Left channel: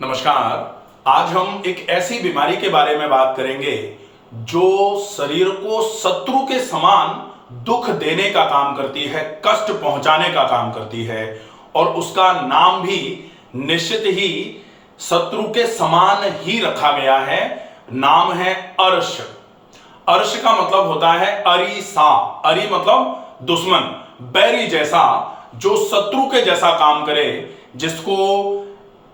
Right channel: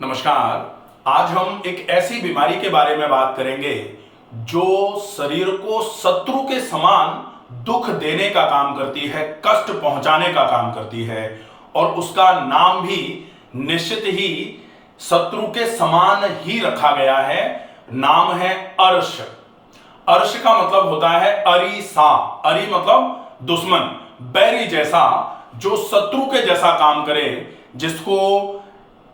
नमस्कार। आज हम एक ऐसी बीमारी के बारे में बात करेंगे जो शरीर को शत्रु के समान दुख देने का काम करती है, कष्ट पहुंचाने का काम करती है और उसका नाम भी निश्चित ही शत्रु के समान ही रखा गया है। नाम है अर्श। अर्श का मतलब होता है अरीसा। अरी मतलब दुश्मन, बैरी जैसा, जो शत्रु के जैसा काम करे, जिसको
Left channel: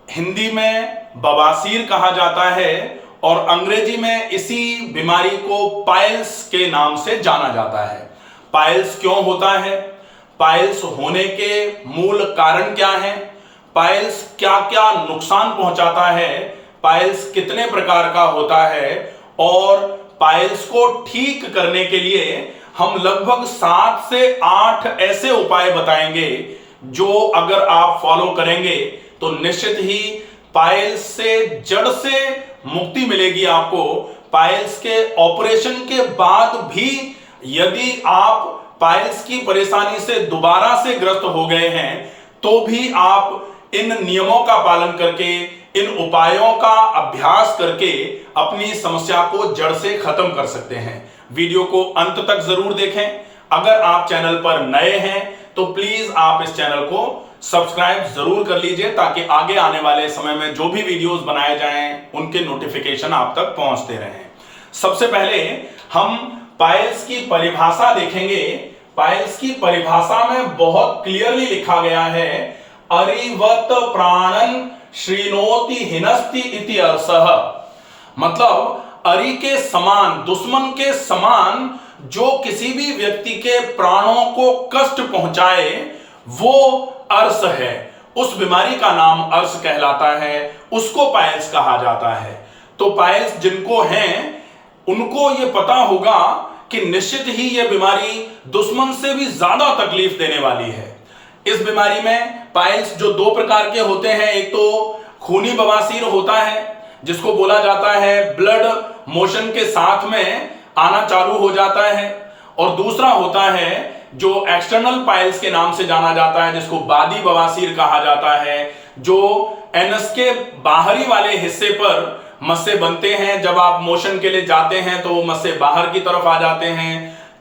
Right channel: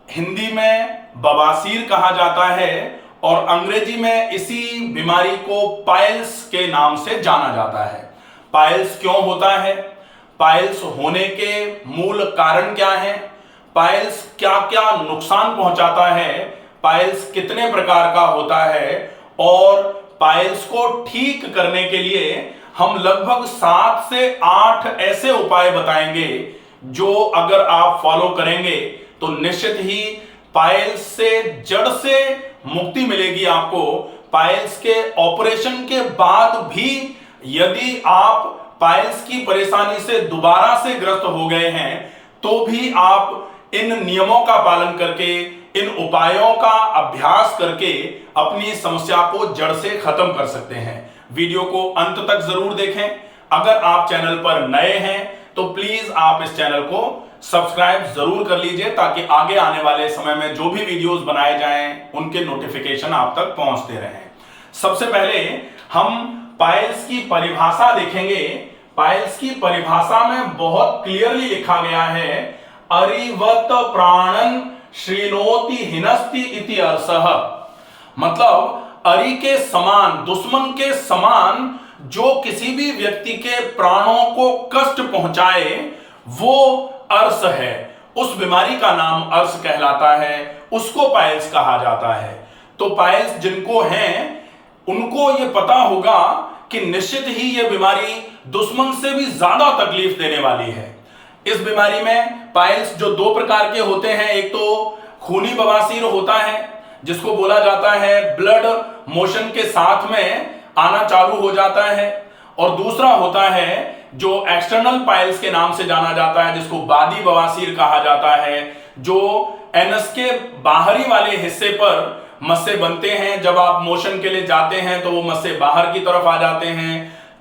हिंदी में बवासीर कहा जाता है और अंग्रेजी में इसी बीमारी को पाइल्स के नाम से जाना जाता है। पाइल्स क्यों होता है? पाइल्स होने के मूल कारण क्या हैं? पाइल्स क्या क्या नुकसान पहुंचाता है? पाइल्स कितने प्रकार का होता है? और पाइल्स को ठीक करने के लिए हम लगभग 7 से 8 ऐसे उपाय बताएंगे जो अगर आप फॉलो करेंगे तो निश्चित ही पाइल्स से जड़ से मुक्ति मिलेगी आपको। पाइल्स के ऑपरेशन के बाद भी यदि आप पाइल्स की परेशानी से दोबारा से ग्रस्त हो गए हैं तो भी आप इन नियमों का पालन करके, इन उपायों का अभ्यास करके अपनी समस्या को जड़ से खत्म कर सकते हैं। वीडियो को अंत तक जरूर देखें। अगर आप चैनल पर नए हैं तो प्लीज आप इस चैनल को सब्सक्राइब जरूर कर लीजिए ताकि आगे आने वाले समय में जो भी वीडियोस बनाए जाएं उनके नोटिफिकेशन आप तक पहुंचते रहें। सबसे पहले हम पाइल्स की परिभाषा देखेंगे। पाइल्स की परिभाषा में बहुत क्लियरली लिखा गया है, अरिवत प्राणन श्रीनोति हिनस्ति इति अर्षः। मतलब अरि के समान, दुश्मन के समान जो किसी भी व्यक्ति के प्राणों को कष्ट पहुंचाए वो अर्श है। उस बीमारी का नाम अर्श कहलाता है, उसको पाइल्स कहा जाता है। तो पाइल्स जिनको हैं उनको ये पता होगा कि निश्चित ही ये बीमारी दुश्मन से भी ज्यादा तकलीफ देने वाली है। इस बीमारी में पाइल्स जो 2 प्रकार के होते हैं, एक तो खूनी बवासीर होता है जिसको बोला जाता है ब्लड मोशन के साथ में आना चालू हो जाता है, और दूसरा होता है जो एक्सटर्नल पाइल्स के नाम से जाना जाता है जिसको बादी बवासीर कहा जाता है, जो एनस के बाहरी वाले हिस्से पर मस्से बनते हैं। जब आप मोशन के लिए जाते हैं तो वो मस्से बाहर की तरफ आ जाते हैं।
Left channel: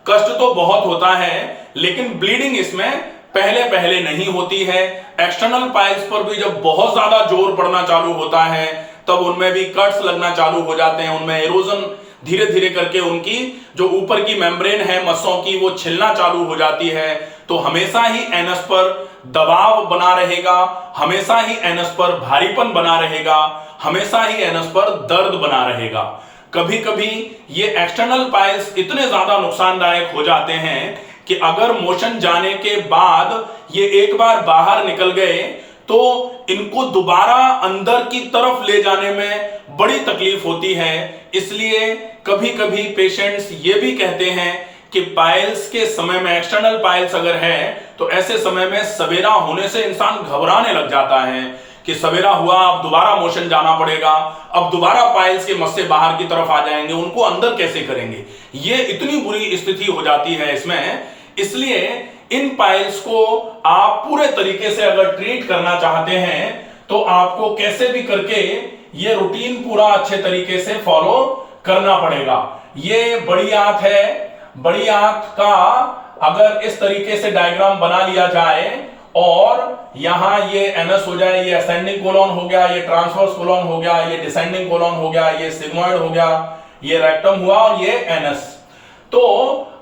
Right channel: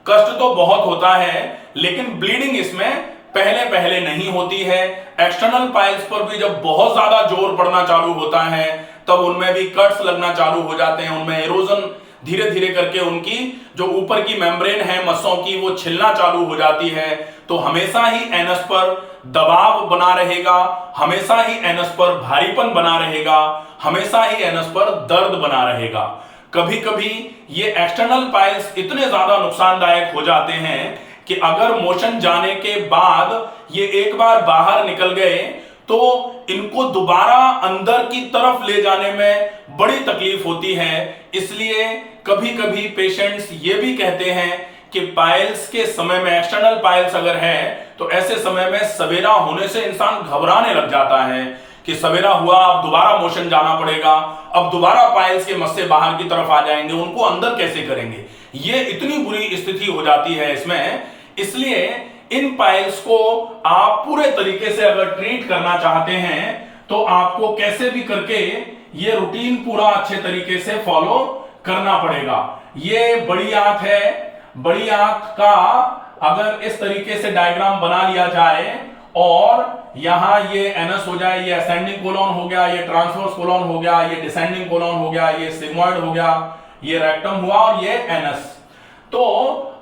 कष्ट तो बहुत होता है लेकिन ब्लीडिंग इसमें पहले पहले नहीं होती है। एक्सटर्नल पाइल्स पर भी जब बहुत ज्यादा जोर पड़ना चालू होता है तब उनमें भी कट्स लगना चालू हो जाते हैं, उनमें एरोजन धीरे धीरे करके उनकी जो ऊपर की मेम्ब्रेन है मस्सों की वो छिलना चालू हो जाती है। तो हमेशा ही एनस पर दबाव बना रहेगा, हमेशा ही एनस पर भारीपन बना रहेगा, हमेशा ही एनस पर दर्द बना रहेगा। कभी कभी ये एक्सटर्नल पाइल्स इतने ज्यादा नुकसानदायक हो जाते हैं कि अगर मोशन जाने के बाद ये एक बार बाहर निकल गए तो इनको दोबारा अंदर की तरफ ले जाने में बड़ी तकलीफ होती है। इसलिए कभी कभी पेशेंट्स ये भी कहते हैं कि पाइल्स के समय में, एक्सटर्नल पाइल्स अगर है तो ऐसे समय में सवेरा होने से इंसान घबराने लग जाता है कि सवेरा हुआ, अब दोबारा मोशन जाना पड़ेगा, अब दोबारा पाइल्स के मस्से बाहर की तरफ आ जाएंगे, उनको अंदर कैसे करेंगे। ये इतनी बुरी स्थिति हो जाती है इसमें। इसलिए इन पाइल्स को आप पूरे तरीके से अगर ट्रीट करना चाहते हैं तो आपको कैसे भी करके ये रूटीन पूरा अच्छे तरीके से फॉलो करना पड़ेगा। ये बड़ी आंत है, बड़ी आंत का अगर इस तरीके से डायग्राम बना लिया जाए और यहां ये एनस हो जाए, ये असेंडिंग कोलन हो गया, ये ट्रांसवर्स कोलन हो गया, ये डिसेंडिंग कोलन हो गया, ये सिग्मोइड हो गया, ये रेक्टम हुआ और ये एनस। तो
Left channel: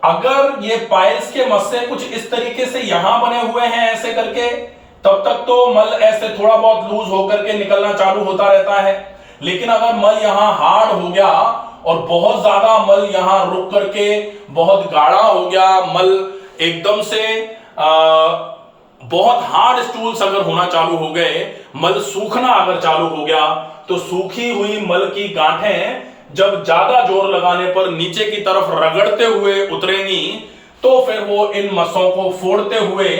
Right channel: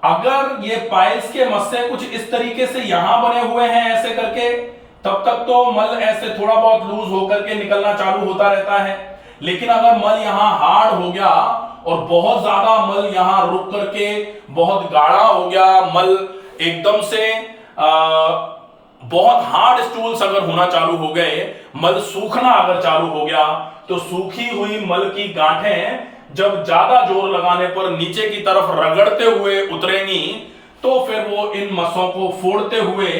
अगर ये पाइल्स के मस्से कुछ इस तरीके से यहां बने हुए हैं ऐसे करके, तब तक तो मल ऐसे थोड़ा बहुत लूज होकर के निकलना चालू होता रहता है। लेकिन अगर मल यहां हार्ड हो गया और बहुत ज्यादा मल यहां रुक करके बहुत गाढ़ा हो गया, मल एकदम से बहुत हार्ड स्टूल्स अगर होना चालू हो गए, मल सूखना अगर चालू हो गया, तो सूखी हुई मल की गांठें जब ज्यादा जोर लगाने पर नीचे की तरफ रगड़ते हुए उतरेंगी तो फिर वो इन मस्सों को फोड़ते हुए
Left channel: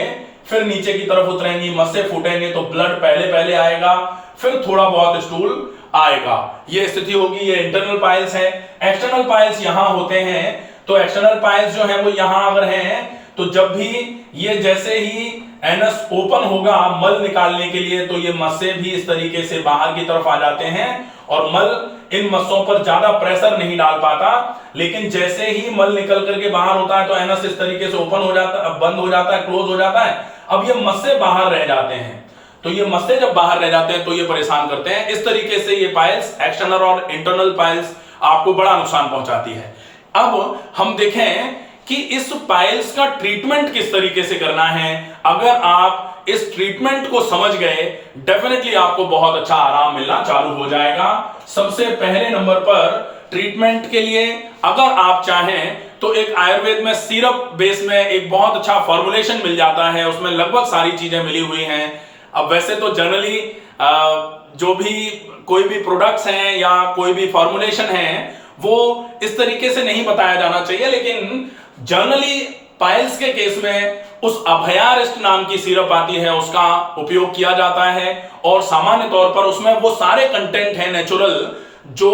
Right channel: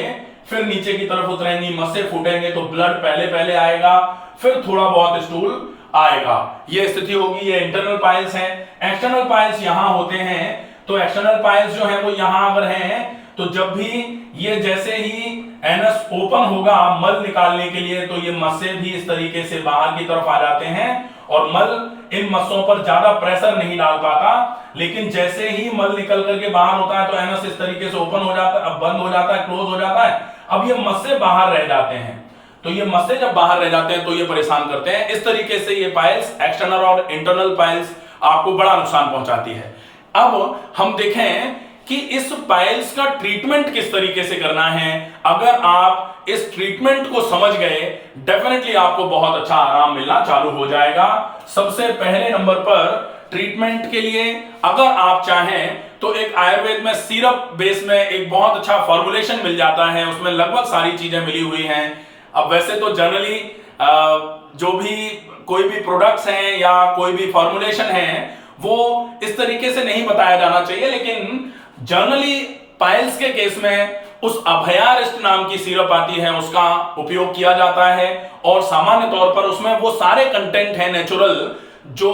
फिर नीचे की तरफ उतरेंगी, मस्से फूटेंगे तो ब्लड पहले पहले आएगा, फिर थोड़ा बहुत स्टूल आएगा। ये स्थिति होगी। ये इंटरनल पाइल्स है। एक्सटर्नल पाइल्स यहां होते हैं तो एक्सटर्नल पाइल्स जो है वो यहां अगर हैं तो जब भी ये जैसे ही एनस ओपन होगा मल निकालने के लिए, तो ये मस्से भी इस तरीके से बाहर की तरफ आ जाते हैं और मल इन मस्सों पर ज्यादा प्रेशर नहीं डाल पाता। लेकिन जैसे ही मल निकल करके बाहर होता है तो एनस इस तरीके से ओपन हो जाता है, बंद हो जाता है, क्लोज हो जाता है। अब ये मस्से बाहर रह जाते हैं, तो ये मस्से जब बाहर रह जाते हैं तो ये परेशान करते हैं। इस तरीके से ये पाइल्स, एक्सटर्नल और इंटरनल पाइल्स, आपको बड़ा नुकसान पहुंचाती है। अब हम देखें कि इस पाइल्स का ट्रीटमेंट किस तरीके से करना है। अगर आप इस ट्रीटमेंट को समझ गए, डेफिनेटली आपको बहुत अच्छा आराम मिलना चालू हो जाएगा। सबसे पहले नंबर पर ट्रीटमेंट के लिए अगर आप चाहें तो एक आयुर्वेद में सिरप बेस में एक बहुत अच्छा फॉर्मुलेशन मिल जाता है, उसमें लगभग सारी चीजें मिली हुई हैं। अब वैसे तो जनरली जो भी कोई भी प्रोडक्ट्स हैं या कोई भी फॉर्मुलेशन है वो इस तरीके से नहीं बताया जाना चाहिए, लेकिन जनरली पाइल्स के केस में उस अभयारिस्ट नाम की सिरप आती है, उसका उपयोग किया जाता है और सामान्य तौर पर उसमें वो सारे कंटेंट हैं नेचुरल जो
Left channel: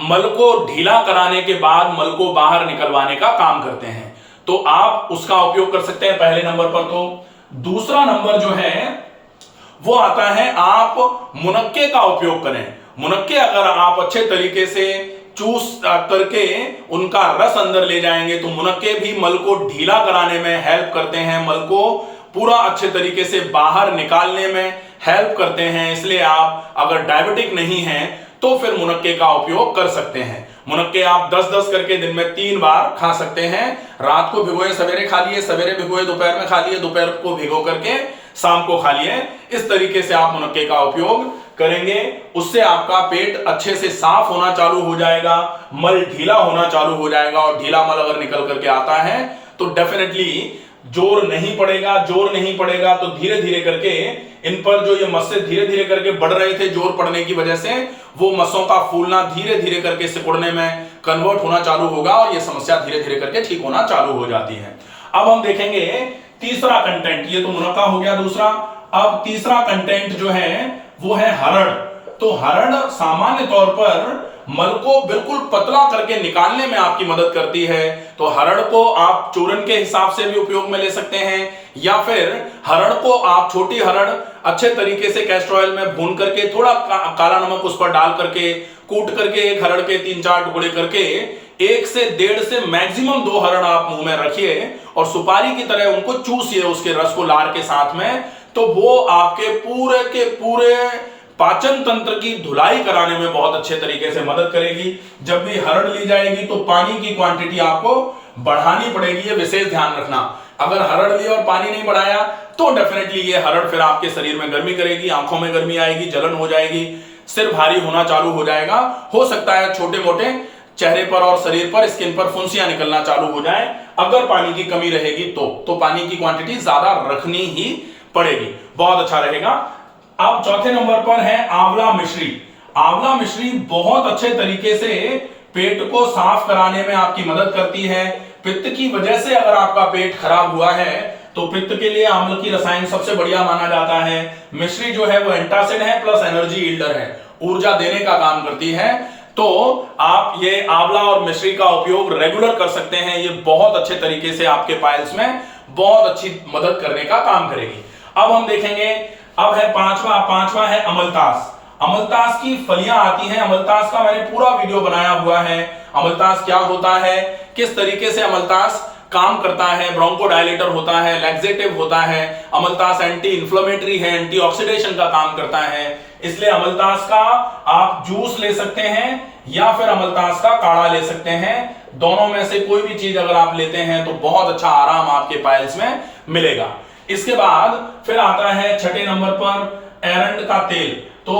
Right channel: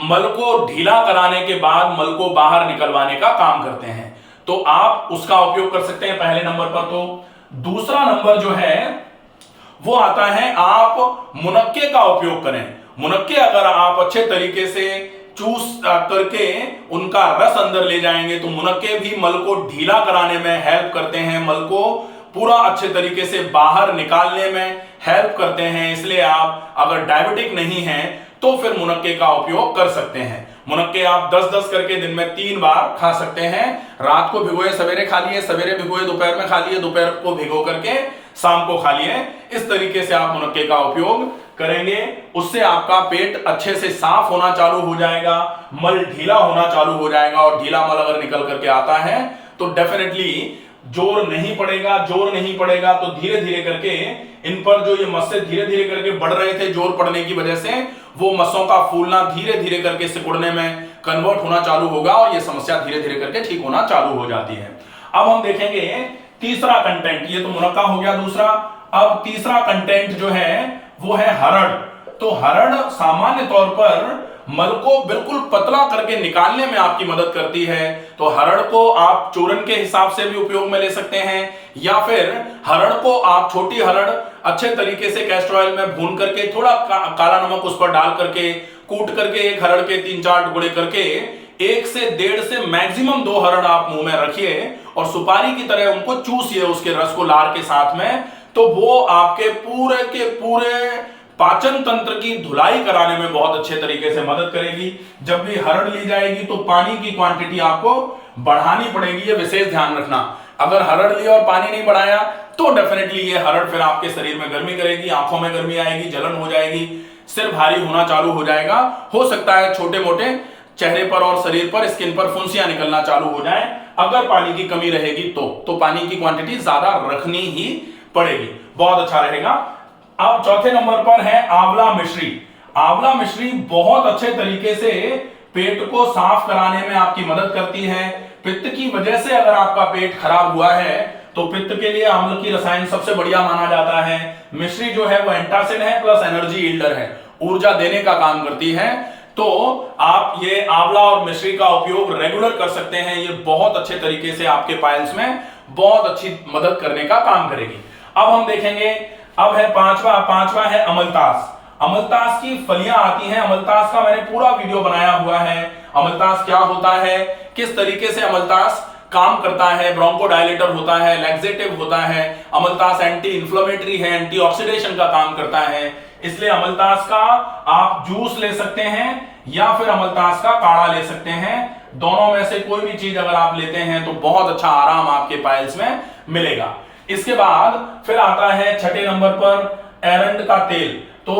मल को ढीला कराने के बाद मल को बाहर निकलवाने का काम करते हैं, तो आप उसका उपयोग कर सकते हैं पहले नंबर पर। तो दूसरा नंबर जो है वो आता है आप मुनक्के का उपयोग करें। मुनक्के अगर आप अच्छे तरीके से चूस करके उनका रस अंदर ले जाएंगे तो मुनक्के भी मल को ढीला कराने में हेल्प करते हैं, मल को पूरा अच्छे तरीके से बाहर निकालने में हेल्प करते हैं। इसलिए आप अगर डायबिटिक नहीं हैं तो फिर मुनक्के का उपयोग कर सकते हैं। मुनक्के आप 10-10 करके दिन में 3 बार खा सकते हैं। रात को भिगोए सवेरे खा लिए, सवेरे भिगोए दोपहर में खा लिए, दोपहर को भिगो करके शाम को खा लिए। इस तरीके से आप मुनक्के का उपयोग करेंगे, उससे आपका पेट अच्छे से साफ होना चालू हो जाएगा, मल ढीला होना चालू हो जाएगा। और ढीला मल अगर निकल करके आता है तो डेफिनेटली जोर नहीं पड़ेगा। जोर नहीं पड़ेगा तो धीरे धीरे करके इन पर जो ये मस्से धीरे धीरे करके बढ़ रहे थे जोर पड़ने की वजह से, वो मस्सों का फूलना धीरे धीरे करके सिकुड़ने में कन्वर्ट होना चालू होगा और ये समस्या धीरे धीरे करके ठीक होना चालू हो जाती है। अब हम देखेंगे तीसरा कंटेंट, ये तो मुनक्का हो गया दूसरा। अब तीसरा कंटेंट जो है वो है हरड़। तो हरड़ सामान्य तौर पर मल को बिल्कुल पतला करके निकालने में आपकी मदद करती है। तो हरड़ को आप चूर्ण के हिसाब से भी उपयोग में ले सकते हैं, या फिर हरड़ को आप छोटी हरड़ अच्छे तरीके से कैस्टर ऑयल में भून करके थोड़ा काला नमक उस पर डाल करके कूट करके एक हरड़ के 3-4 टुकड़े करके 1 से 1.5 से मैक्सिमम 2 हरड़ आप मुंह में रखिए और सुपारी की तरह उनको चूसिए उसके रस को लार के साथ में। तो वो आपके पूरे के पूरे पाचन तंत्र की धुलाई कराने में बहुत अच्छे तरीके से मदद करेगी। जब भी हरड़ ली जाएगी तो पानी की क्वांटिटी आपको बढ़ानी पड़ेगी, ये विशेष ध्यान रखना। अगर हरड़ ली और पानी नहीं बढ़ाया तो डेफिनेटली ये हरड़ फिर आपके शरीर में गर्मी करेगी, आंखों में गर्मी आएगी, जलन हो जाएगी, सिर भारी होना चालू हो जाएगा। हो सकता है छोटे मोटे चेहरे पर और शरीर पर, स्किन पर फुंसियां निकलना चालू हो जाए अगर पानी की कमी रहेगी तो पानी की क्वांटिटी ज्यादा रखनी ही पड़ेगी, बहुत अच्छा रहेगा। अब चौथे नंबर पर है आंवला मिश्री। आंवला मिश्री बहुत अच्छे तरीके से पेट को साफ कराने में आपकी मदद करती है। पित्त की वजह से अगर आपका पेट खराब हुआ है तो पित्त के लिए आंवले की रसायन सबसे बढ़िया माना जाता है। मिश्री जो है वो एंटासिड है प्लस एनर्जी यील्डर है, ऊर्जा देने का काम करती है। तो आप ये आंवला और मिश्री का उपयोग रेगुलर कर सकते हैं, ये बहुत अच्छे तरीके से आपके पाइल्स में बहुत अच्छी मदद करने का काम करेगी। अब हम देखेंगे, अब है पांचवा है अमलतास। अमलतास की फलियां आती हैं। अमलतास का मैंने पूरा वीडियो बनाया हुआ है। अमलतास क्या होता है, किस तरीके से अमलतास काम करता है, ब्रोंकोडायलेटर होता है, लैक्सेटिव होता है, अमलतास एंटी इंफ्लेमेटरी है, एंटीऑक्सीडेशन का काम करता है। इसलिए अमलतास का आप जूस ले सकते हैं या फिर अमलतास का काढ़ा ले सकते हैं। दोनों में से कोई भी चीज अगर आप लेते हैं तो बहुत अच्छा आराम आपके पाइल्स में मिलेगा। इसके बाद फिर आता है छठे नंबर पर एरंड का तेल। तो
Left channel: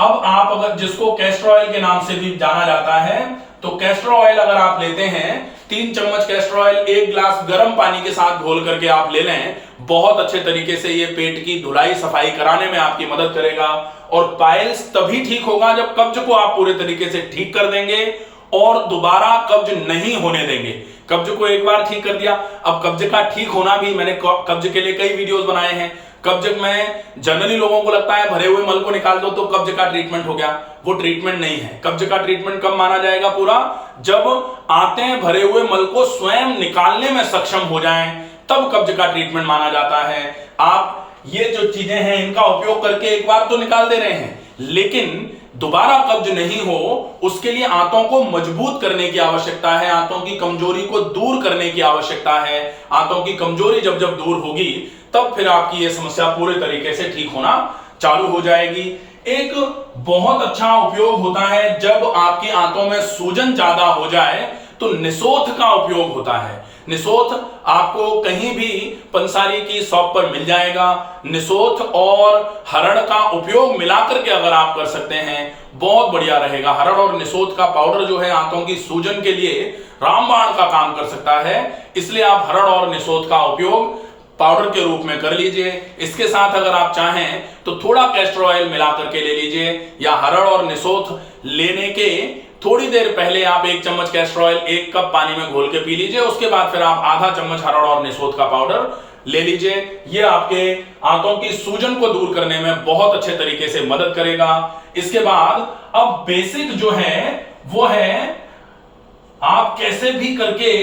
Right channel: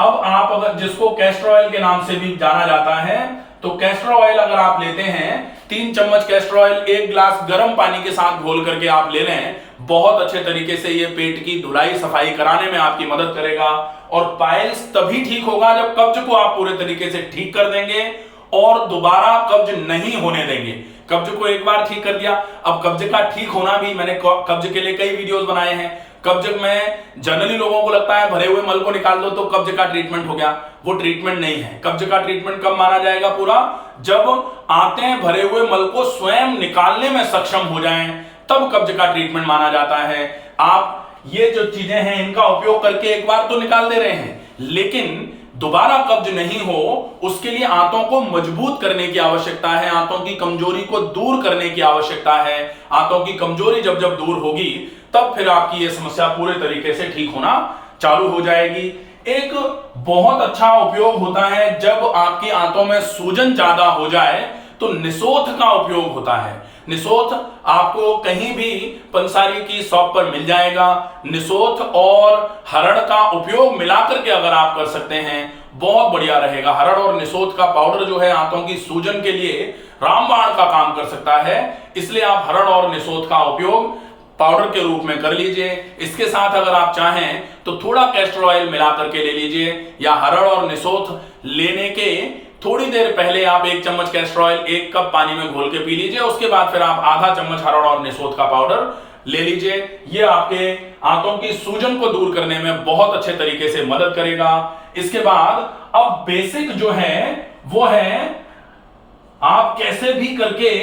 अब आप अगर, जिसको कैस्टर ऑयल के नाम से भी जाना जाता है, तो कैस्टर ऑयल अगर आप लेते हैं 3 चम्मच कैस्टर ऑयल 1 गिलास गर्म पानी के साथ घोल करके आप ले लें, बहुत अच्छे तरीके से ये पेट की धुलाई सफाई कराने में आपकी मदद करेगा। और पाइल्स तभी ठीक होगा जब कब्ज को आप पूरे तरीके से ठीक कर देंगे और दोबारा कब्ज नहीं होने देंगे। कब्ज को एक बार ठीक कर दिया, अब कब्ज का ठीक होना भी, मैंने कब्ज के लिए कई वीडियोस बनाए हैं। कब्ज में जनरली लोगों को लगता है भरे हुए मल को निकाल दो तो कब्ज का ट्रीटमेंट हो गया, वो ट्रीटमेंट नहीं है। कब्ज का ट्रीटमेंट कब माना जाएगा पूरा, जब आते हैं भरे हुए मल को स्वयं निकालने में सक्षम हो जाएं, तब कब्ज का ट्रीटमेंट माना जाता है। आप ये जो चीजें हैं इनका उपयोग करके एक बार तो निकाल दे रहे हैं, लेकिन दोबारा कब्ज नहीं हो उसके लिए आंतों को मजबूत करने की आवश्यकता है, आंतों की कमजोरी को दूर करने की आवश्यकता है। आंतों की कमजोरी जब जब दूर होगी तब फिर आपकी यह समस्या पूरे तरीके से ठीक होना चालू हो जाएगी। एक बहुत अच्छा उपयोग होता है जब आपकी आंतों में सूजन ज्यादा हो जाए तो निसोथ का उपयोग होता है। निसोथ आपको कहीं भी पंसारी की शॉप पर मिल जाएगा। निसोथ और हरड़ का उपयोग मिलाकर के अगर आप कर सकते हैं बहुत बढ़िया रहेगा। हरड़ और निसोथ का पाउडर जो है आंतों की सूजन के लिए रामबाण का काम कर सकता है, इसलिए आप हरड़ और निसोथ का उपयोग पाउडर के रूप में कर लीजिए। इसके साथ अगर आप चाहें तो थोड़ा कैस्टर ऑयल मिला करके ले लीजिए, या हरड़ और निसोथ लेने के थोड़ी देर पहले आप 1 चम्मच कैस्टर ऑयल 1 कप पानी में घोल के पी लीजिए। उसके बाद फिर आप आधा चम्मच हरड़ और निसोथ का पाउडर ले लीजिए। यह आपके आंतों की सूजन को दूर करने में बहुत अच्छे तरीके से मदद करेगा। इसके बाद अब बेसिक जो है वो है आप कैसे भी करके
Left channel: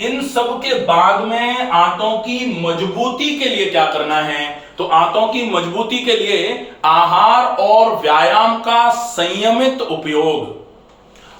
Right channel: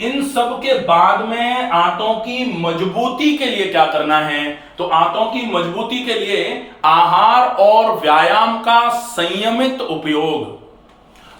इन सब के बाद में आंतों की मजबूती के लिए क्या करना है। तो आंतों की मजबूती के लिए आहार और व्यायाम का संयमित उपयोग।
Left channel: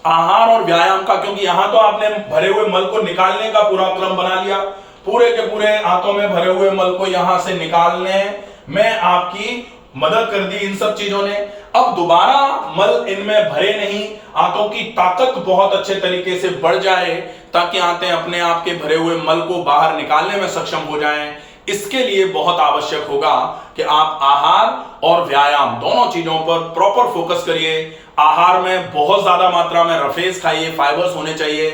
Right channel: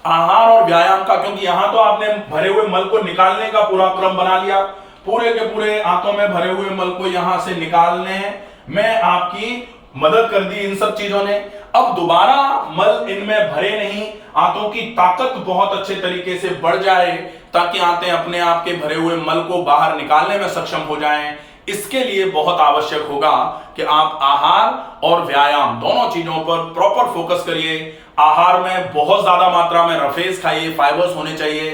आहार और व्यायाम का, क्योंकि यहां तो आपने भरे हुए मल को निकालने का पूरा क्रम बना लिया, पूरे के पूरे आंतों में भरे हुए मल को यहां से निकालने में आपकी मदद कर दी इन सब चीजों ने। अब दोबारा मल इनमें भरे नहीं, आंतों की ताकत बहुत अच्छे तरीके से बढ़ जाए ताकि आंतें अपने आप के भरे हुए मल को बाहर निकालने में सक्षम हो जाएं। इसके लिए बहुत आवश्यक होगा कि आप आहार और व्यायाम दोनों चीजों पर प्रॉपर फोकस करिए। आहार में बहुत ज्यादा मात्रा में रफेज खाइए, फाइबर्स होने चाहिए।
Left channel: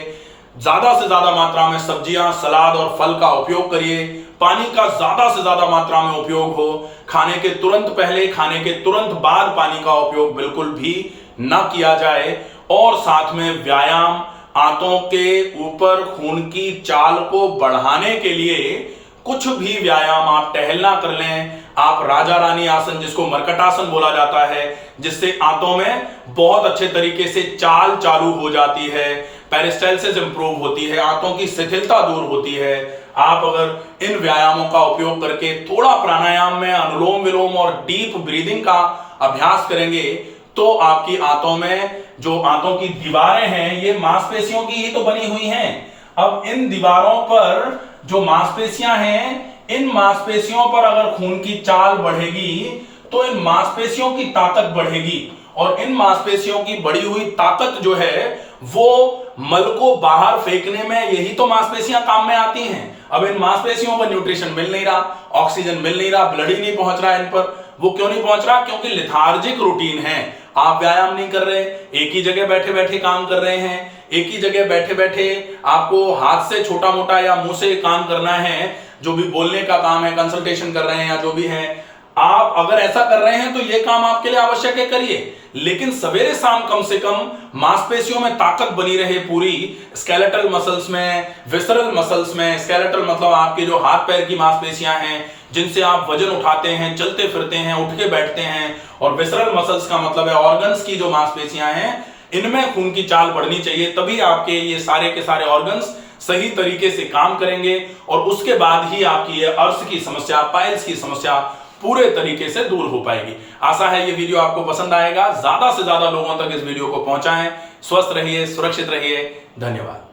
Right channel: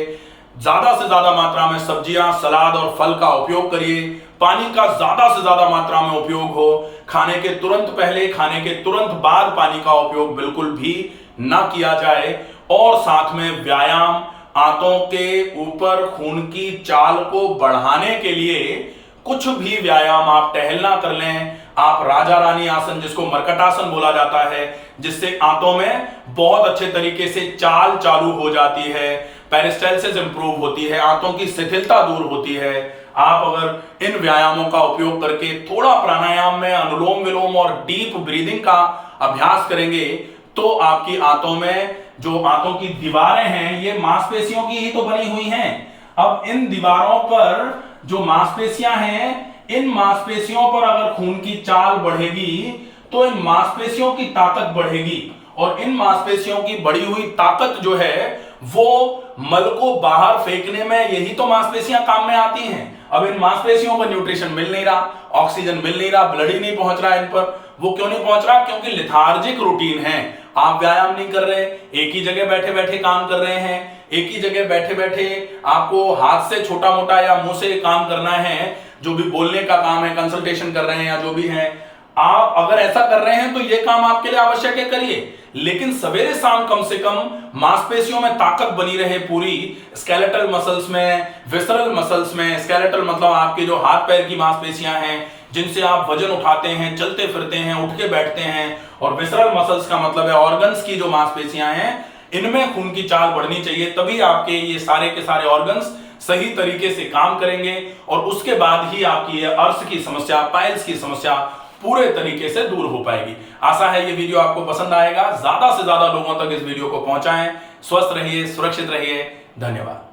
ज्यादा से ज्यादा मात्रा में सब्जियां, सलाद और फल का उपयोग करिए। पानी का ज्यादा से ज्यादा मात्रा में उपयोग हो। खाने के तुरंत पहले, खाने के तुरंत बाद पानी का उपयोग बिल्कुल भी ना किया जाए। और साथ में व्यायाम, आंतों के ऊपर खून की चाल को बढ़ाने के लिए कुछ भी व्यायाम आप टहलना कर लें। आप राजा रानी आसन, जिसको मरकटासन बोला जाता है, जिससे आंतों में बहुत अच्छे तरीके से चाल चालू हो जाती है, पेरिस्टाल्सिस इंप्रूव होती है, आंतों की शिथिलता दूर होती है। आप अगर इन व्यायामों का उपयोग करके थोड़ा प्राणायाम में अनुलोम विलोम और डीप ब्रीदिंग का अभ्यास करेंगे तो आपकी आंतों में जो आंतों की दीवारें हैं ये मांसपेशियों की ही तो बनी हुई हैं। अब इन दीवारों पर जो मांसपेशियां हैं, इन मांसपेशियों पर अगर खून की चाल बढ़ेगी तो इन मांसपेशियों की ताकत बढ़ेगी, और इन मांसपेशियों की बढ़ी हुई ताकत जो है वो मल को बाहर फेंकने में यही तो मांसपेशियां काम में आती हैं। अब इन मांसपेशियों पर न्यूट्रिशन मिल नहीं रहा, ऑक्सीजन मिल नहीं रहा, ब्लड ही नहीं पहुंच रहा इन पर। वो क्यों नहीं पहुंच रहा? क्योंकि लिथार्जिक रूटीन है, आप व्यायाम नहीं कर रहे, एक ही जगह बैठे बैठे काम कर रहे हैं। एक ही जगह बैठे बैठे आपको हाथ से छोटा मोटा या मुंह से काम करना है, जो भी बोलने का काम है, कंसल्टेशन कर रहे हैं या जो भी है, आप अगर ऐसा कर रहे हैं तो यह काम आपके लिए आवश्यक है, करिए। लेकिन सवेरे शाम कम से कम मांसपेशियों में ताकत बनी रहे पूरी, स्केलेटल मसल्स में, विसरल मसल्स में। स्केलेटल मतलब आपके जो हाथ पैर की मांसपेशियां हैं जिनसे आप वजन उठाते हैं, चलते फिरते हैं, उठ के बैठते हैं। और विसरल मसल्स का मतलब है ऑर्गन्स की जो मांसपेशियां हैं, इनमें खून की चाल बढ़नी चाहिए, तभी आपके ये सारे के सारे ऑर्गन्स सही तरीके से काम करेंगे। और उसके बाद ही आपकी ये अर्श की समस्या, पाइल्स की समस्या पूरे तरीके से दूर हो पाएगी। आशा है ये वीडियो आपको पसंद आएगा। ज्यादा से ज्यादा लोगों तक इस वीडियो को पहुंचाएं। स्वस्थ रहिए, सुरक्षित रहिए। धन्यवाद।